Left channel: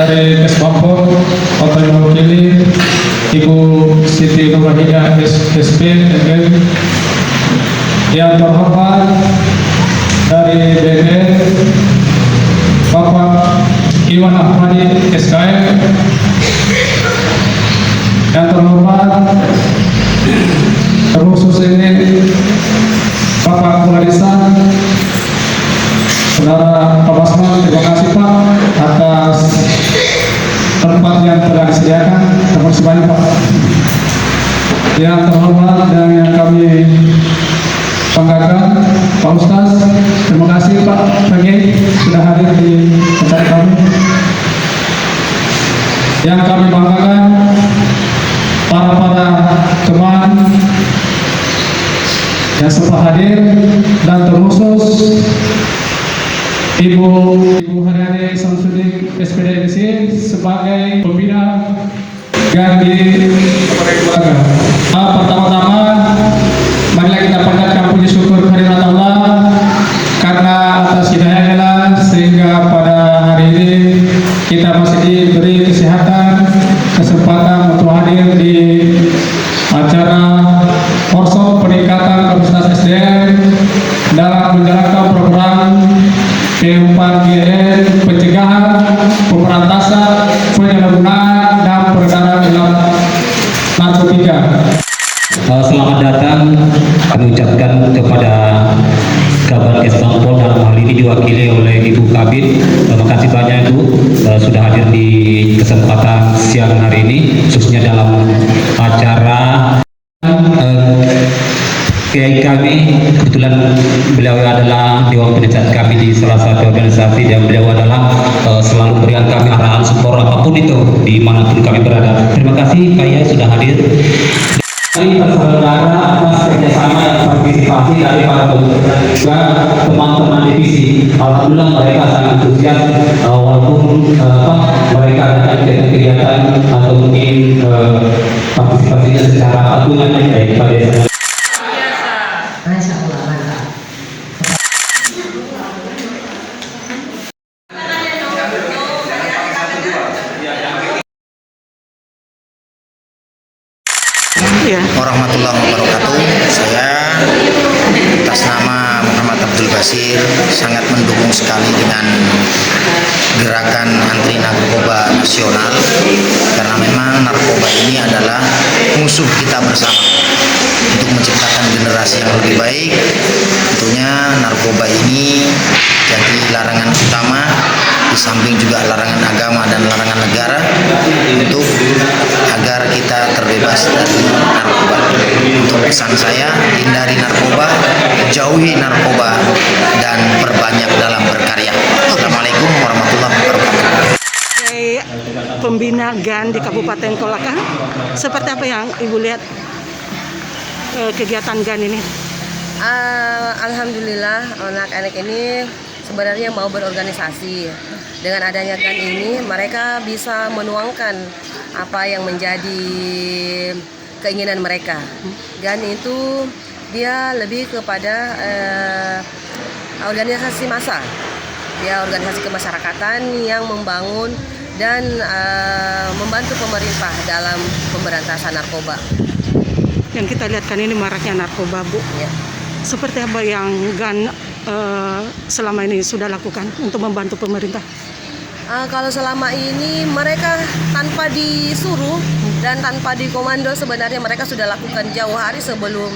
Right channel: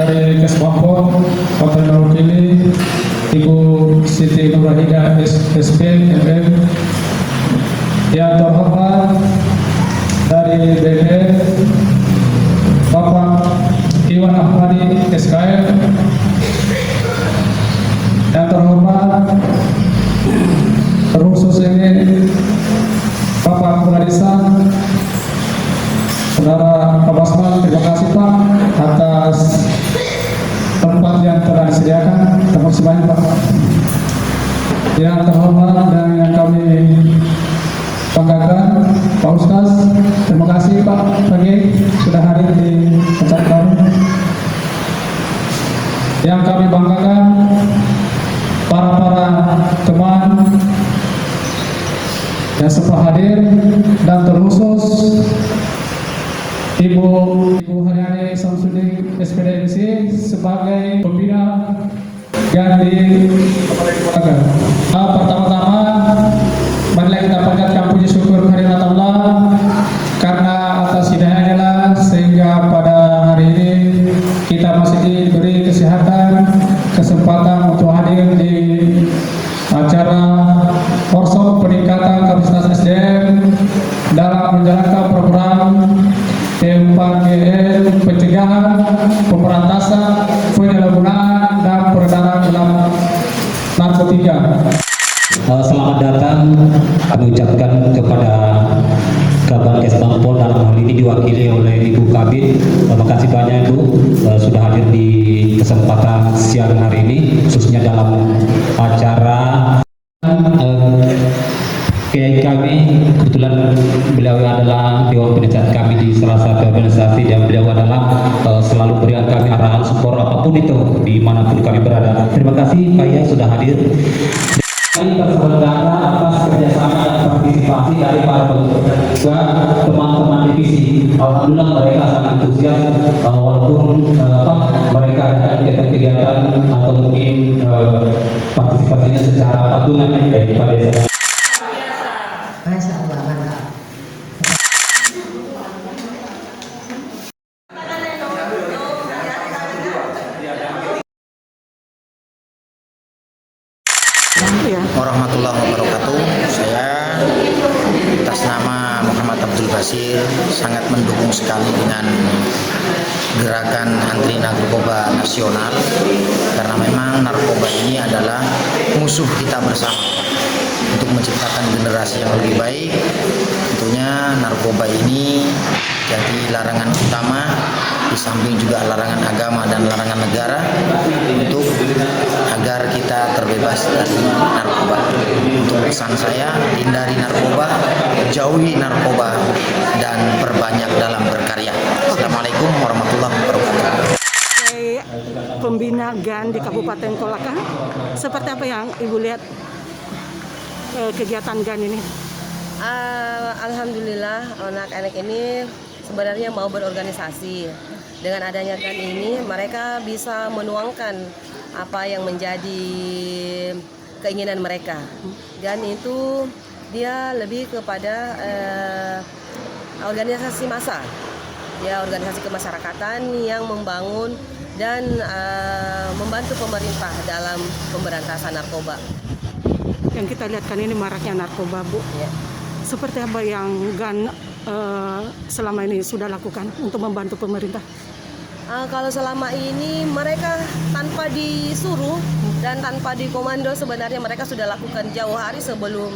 Dari Kesbangpol, Kota Mewakili Ibu Siti Nurhaliza SP MN, yang terhormat dari BNN Bapak Iwan Ahmadi SKM, yang terhormat terkhusus ini Bapak Pengarisan, Saudara Pak Basman, terima kasih Pak atas tempat yang telah disediakan. Terima kasih banyak Pak. Yang terhormat dan yang kami banggakan Pak Ustaz, terima kasih Pak Pagi sudah hadir di acara kami. Yang kami banggakan para teman yang sempat hadir, dan terkhusus Ibu Haryani Samsudin SPD sebagai pembina Gandhi keluarga. Pertama-tama marilah kita panjatkan puji syukur kehadirat Allah karena atas hidayahnya sehingga pada hari ini kita masih diberi kesehatan, kesempatan untuk hadir di acara workshop peningkatan kapasitas SDM dalam menjalankan program P4GN pencegahan, pemberantasan, penyalahgunaan dan peredaran dalam narkotika. Selamat datang kami ucapkan kepada Kabar Kesbangpol, dalam hal ini diwakili oleh Ibu Kabid. Terima kasih banyak Ibu sudah hadir di kesempatan siang hari ini, khususnya dalam acara Kiai kami. Kebetulan beliau adalah Dewan Penasihat kami di salah satu organisasi, dan beliau adalah selalu berikan kami arahan support apapun itu dimanapun kami berada. Terima kasih Pak Yai sudah hadir. Kami bersaudara atas kerjasama dan partisipasi dari para juga teman-teman divisi. Alhamdulillah mereka sangat antusias walaupun mereka ada kegiatan atau mungkin partisipasinya secara patungan baik pada desa. Warahmatullahi wabarakatuh. Saya atas nama Muhammad Abdul Basir sangat mendukung sekali dengan gerakan anti narkoba nasional, karena memang narkoba ini adalah musuh kita bersama. Untuk menciptakan generasi yang lebih baik, tentunya narkoba ini jadi larangan utama, di samping juga larangan agama dan larangan negara, untuk agar kita terbebas dari narkoba. Untuk pesan saya, hindari narkoba, jauhi narkoba, dan perbanyak dalam berkarya. GAN di Kabupaten Kolaka. Seperti apa yang Ibu lihat kegiatan GAN ini? Alhamdulillah anak-anak ini sebenarnya mau berorganisasi. Dengan adanya GAN ini mereka bisa menuangkan apa yang menjadi keinginan mereka. GAN itu dia lebih kepada organisasi massa. Dia organisasi kemasyarakatan yang membangun dan membantu pemerintah dalam pemberantasan narkoba. Yang kita lihat kan ini maraknya narkoba, Bu. Ya. Seperti apa yang GAN selama ini sudah lakukan untuk membantu pemerintah? Kalau selama ini mereka tanpa disuruh dan tanpa dikomando, sebenarnya mereka sudah lakukan jauh hari sebelum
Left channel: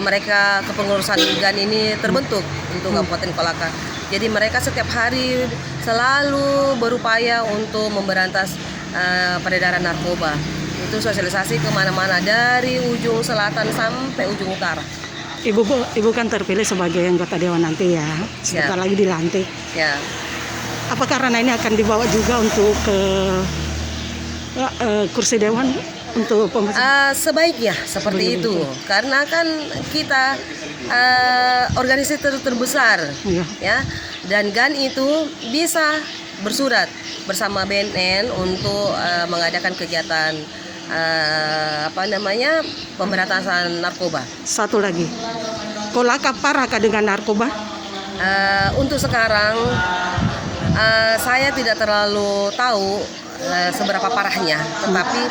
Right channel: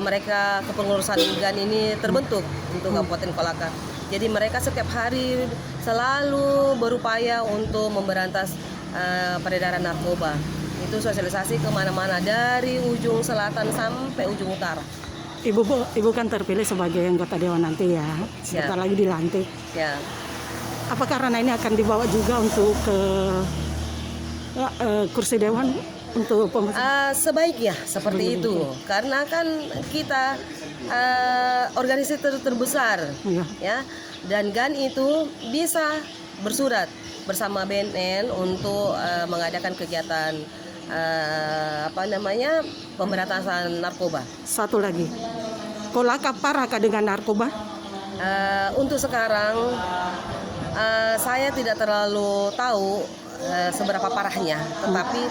mereka kepengurusan GAN ini terbentuk untuk Kabupaten Kolaka. Jadi mereka setiap hari selalu berupaya untuk memberantas peredaran narkoba. Itu sosialisasi kemana-mana dari ujung selatan sampai ujung utara. Ibu kan terpilih sebagai anggota dewan nanti ya, sebentar lagi dilantik. Ya. Apakah karena ini akan dibawa juga untuk ke kursi dewan untuk pemerintah? Sebaiknya seperti itu, karena kan kita organisasi terbesar, ya, dan GAN itu bisa bersurat bersama BNN untuk mengadakan kegiatan pemberantasan narkoba. Satu lagi, Kolaka parahkah dengan narkoba? Untuk sekarang saya tidak terlalu tahu seberapa parahnya, tetapi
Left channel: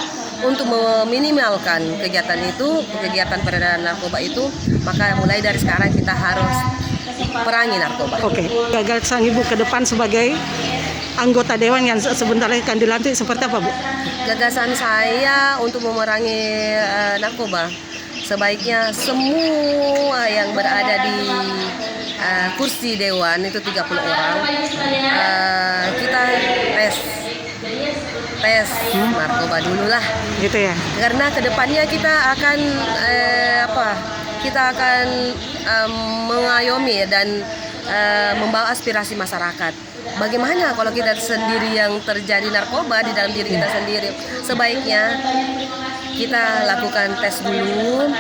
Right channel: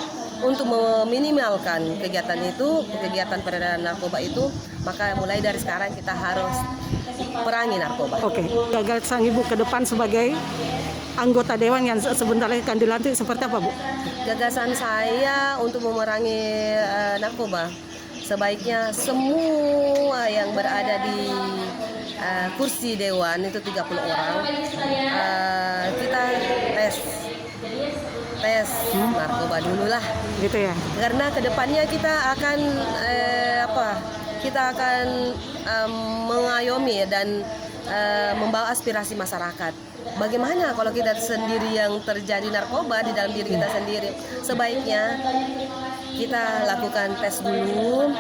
untuk meminimalkan kegiatan peredaran narkoba itu, maka mulai dari sekarang kita harus perangi narkoba. Oke, gagasan Ibu ke depan sebagai anggota dewan yang sebentar lagi akan dilantik seperti apa, Bu? Gagasan saya untuk memerangi narkoba, sebaiknya semua yang berada di kursi dewan itu 30 orang, kita tes narkoba dulu lah. Gitu ya. Karena kedepannya kita akan mengayomi dan membawa aspirasi masyarakat. Bagaimana kalau kita sendiri yang terjadi narkoba di dalam diri kita sendiri? Sebaiknya kita lakukan tes dulu,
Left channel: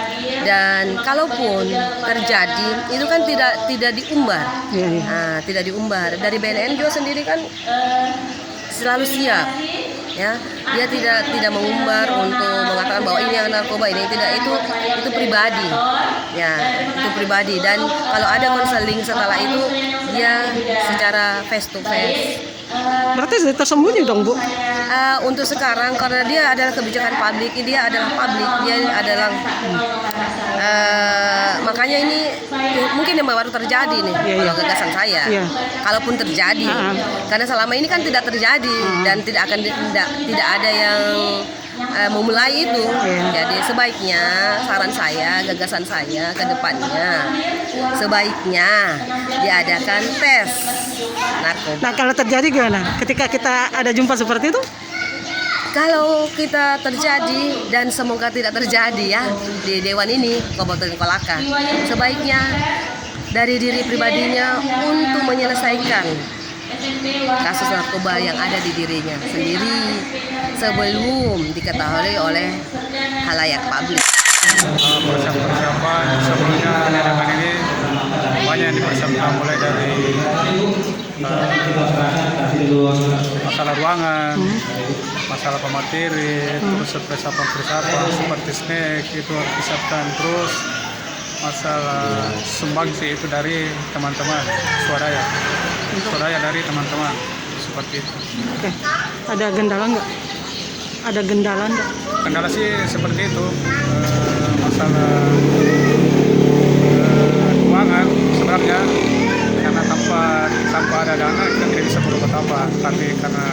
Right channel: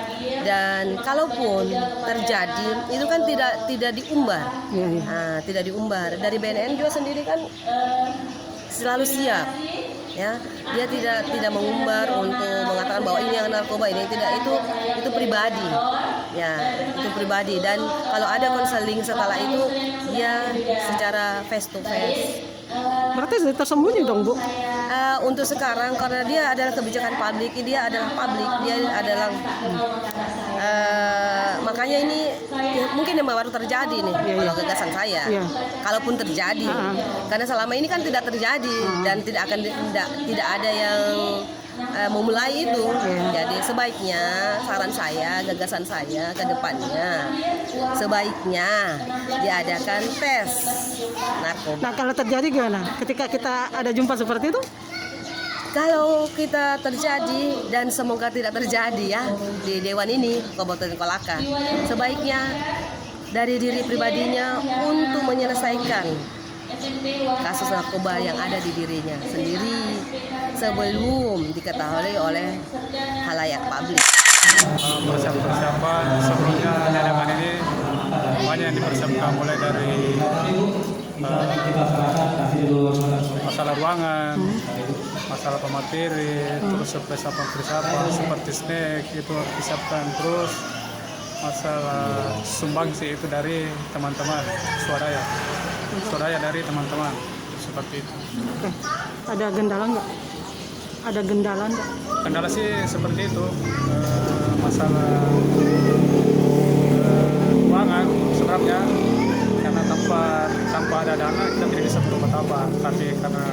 dan kalaupun terjadi itu kan tidak diumbar. Nah, tidak diumbar. Dari BNN juga sendiri kan selalu siap, ya. Dia tidak mengumbar untuk mengatakan bahwa ini yang narkoba, ini tidak, itu pribadi, ya, itu pribadi. Dan kalau ada konseling setelah itu, dia secara face to face. Berarti tersembunyi dong, Bu? Untuk sekarang karena dia adalah kebijakan publik, dia adalah makanya ini mungkin yang baru terjadi nih, kalau gagasan saya. Kalaupun terjadi, karena selama ini kan tidak terjadi dan tidak ada yang memulai itu. Jadi sebaiknya saran saya, gagasan saya ke depannya, sebaiknya diadakan tes narkoba. Nah, kalau terjadi gimana? Ketika kita ada jumpa seperti itu? Kalau kita terjadi, dan semoga tidak terjadi ya di dewan ini Kabupaten Kolaka, sebaiknya dari diri pribadinya untuk menyelesaikan kasus narkoba yang ada di dirinya sendiri sebelum diketahui oleh khalayak publik. Persiapan sebelumnya pendidikan ini banyak yang dipersiapkan, mulai dari masalah ruangan, masalah pemateri, terus persiapan seperti snack itu harus disiapkan, terus masalah sumbangsi itu dari teman-teman, suaranya dari teman-teman, seperti itu. Oke. Ada kendala nggak? Kendala sih seperti itu, masalah ruangan sebenarnya, karena tanpa ada dana kita tidak bisa berbuat apa, tapi karena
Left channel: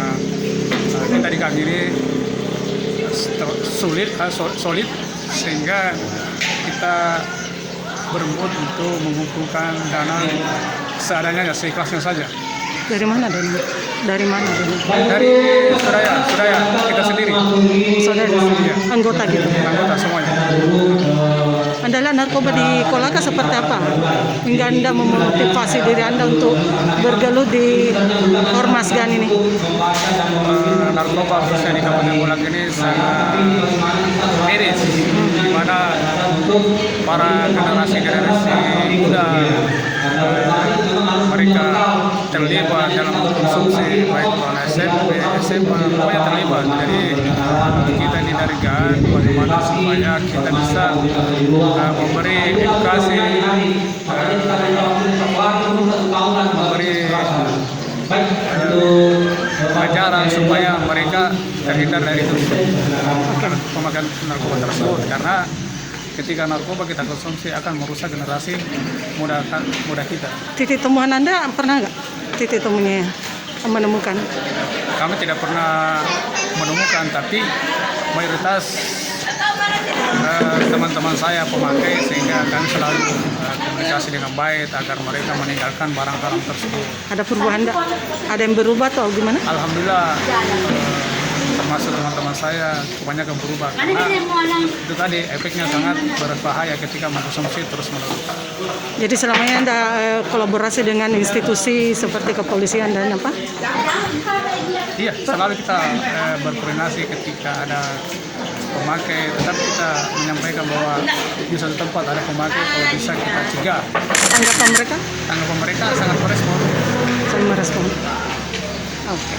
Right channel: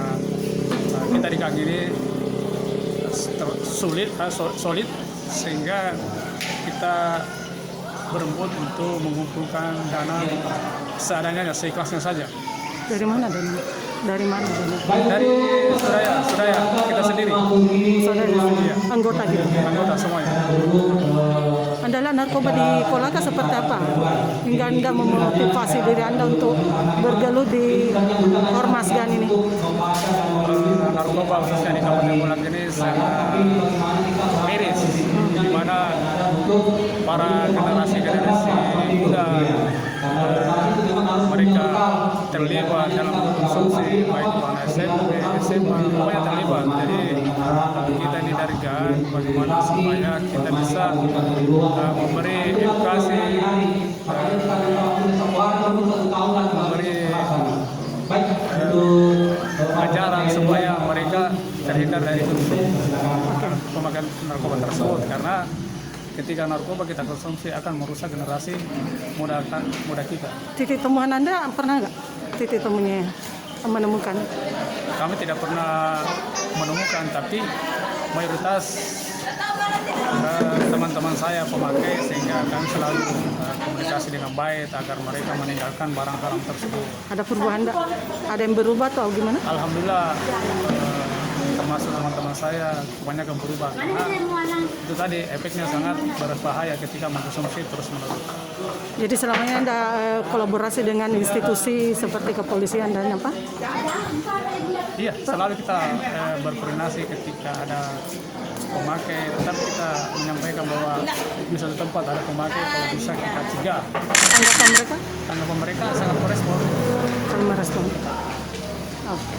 kita di kami ini solid, sehingga kita berembut untuk mengumpulkan dana seadanya, seikhlasnya saja. Dari mana? Dari saudara kita sendiri. Saudara anggota gitu. Anggota semuanya. Andalan narkoba di Kolaka seperti apa? Hingga Anda memotivasi diri Anda untuk bergelut di Ormas GAN ini? Narkoba khususnya di Kabupaten konsumsi baik anak SMP, SMA, pokoknya terlibat. Jadi kita ini dari GAN bagaimana supaya kita bisa memberi edukasi, memberi pelajaran supaya mereka terhindar dari itu memakan narkoba tersebut, karena ketika narkoba kita konsumsi akan merusak generasi muda kita. Titik temuan Anda pernah nggak? Titik temunya menemukan? Kami tidak pernah menemukan, tapi mayoritas teman-teman saya pemakai, sehingga kami selalu komunikasi dengan baik agar mereka meninggalkan barang haram tersebut. Ada perubahan nggak? Ada yang berubah atau gimana? Alhamdulillah, termasuk teman-teman saya kebanyakan berubah, karena itu tadi efeknya sangat berbahaya ketika mengkonsumsi terus-menerus. Jadi selama ini Anda kolaborasi dengan institusi seperti kepolisian dan apa? Iya, selalu kita berkoordinasi ketika ada pemakai, tetap kita menyampaikan bahwa di satu tempat ada pemakai, kalau bisa kita cegah. Tanggapan mereka? Tanggapan mereka sangat merespon. Saling merespon. Oke.